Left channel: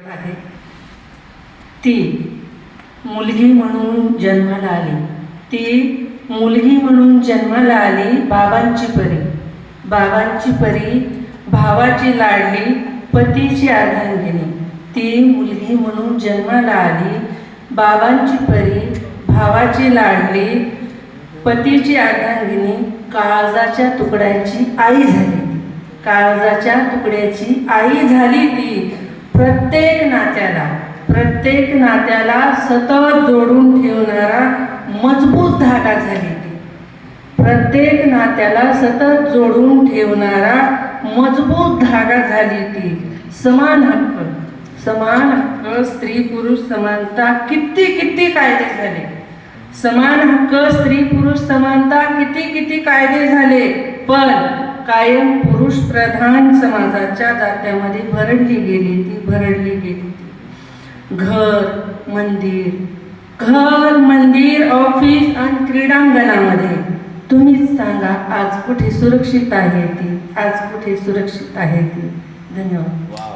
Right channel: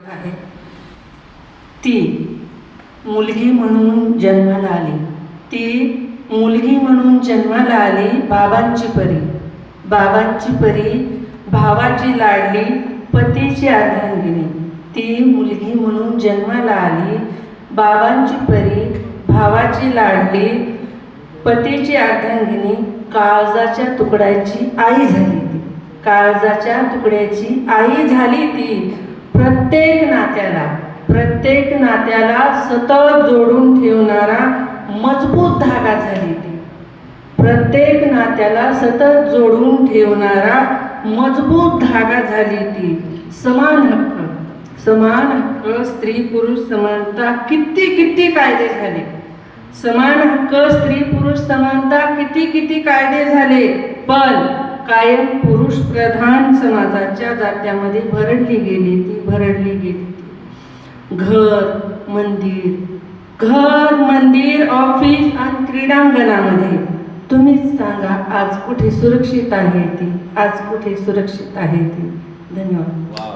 आहे. ती मुलगी म्हणून जन्माला आली. ती मुलगी म्हणून जन्माला आली बाबांची परी. बाबांची परी भावाची लाडली पतीची अर्धांगिनी. ती मुलगी म्हणून जन्माला आली बाबांची परी भावाची लाडली पतीची अर्धांगिनी काळजाच्या तुकड्याची आई झाली ती. काळजाच्या तुकड्याची आई झाली ती. प्रत्येक नात्याला प्रत्येक नात्याला सतत जोडून ठेवणारा मजबूत धागा झाली ती. प्रत्येक नात्याला सतत जोडून ठेवणारा मजबूत धागा झाली ती. समान हक्क समान हक्क स्त्री पुरुष समानता किती किती कायदे झाले? समान हक्क स्त्री पुरुष समानता किती किती कायदे झाले? पण कायम पुरुष प्रधान समाजाच्या जात्यामध्ये भरडली गेली ती भरडली गेली ती. घर मंदिर घर मंदिर ऑफिस आणि क्रीडांगणामध्ये. तुम्हीच सांगा आज कुठे सुरक्षित आहे ती? आज कुठे सुरक्षित आहे ती? धन्यवाद.